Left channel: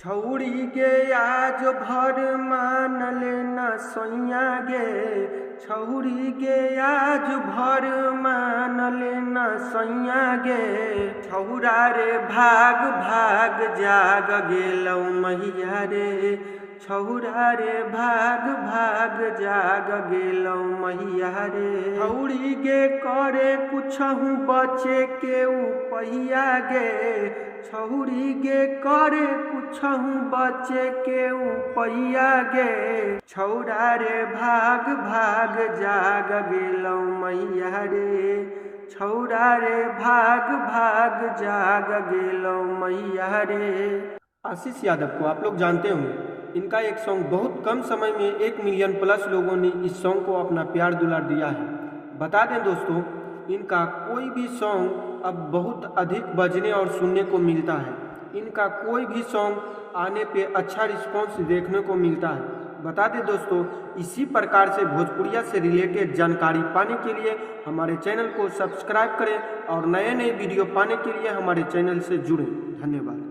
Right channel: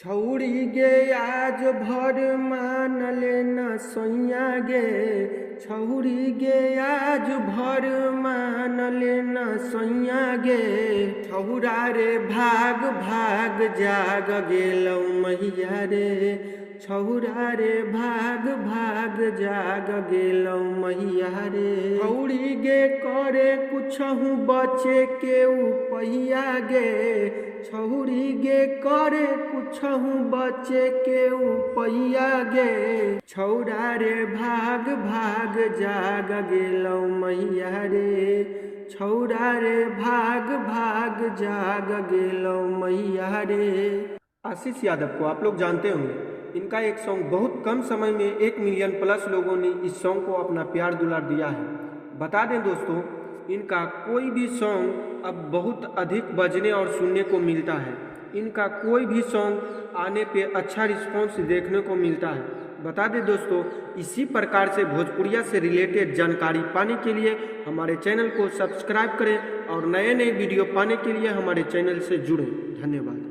छौड़ी गे आज भर मानल न सोइया गे, छौड़ी गे आज भर मानल न सोइया गे। छौरा रे भाग भाग जाग गेलौ मैया रे, छौरा रे भाग भाग जाग गेलौ मैया रे। छौड़ी गे करे कुछहु बचे के उपैया गे, छौड़ी गे करे कुछहु बचे के उपैया गे। छौरा रे भाग भाग जाग गेलौ मैया रे, छौरा रे भाग भाग जाग गेलौ मैया रे। आशीष यादव को आप लोग जानते होंगे। इनका एक सॉन्ग बहुत कम समय में 1 मिलियन प्लस लोगों ने इस सॉन्ग को अपना प्यार दुलार दिया है। बता दें दोस्तों, इनका कोई भी सॉन्ग अब बहुत अधिक बजने और सुनने को मिलता है। इनका कोई भी सॉन्ग आने पे अच्छा रिस्पॉन्स देखने को मिलता है। बता दें दोस्तों, इसी प्रकार से भोजपुरिया से रिलेटेड जानकारी पाने के लिए हमारे चैनल को सब्सक्राइब करें और नए नए वीडियो पाने के लिए हमारे चैनल से जुड़ें। धन्यवाद।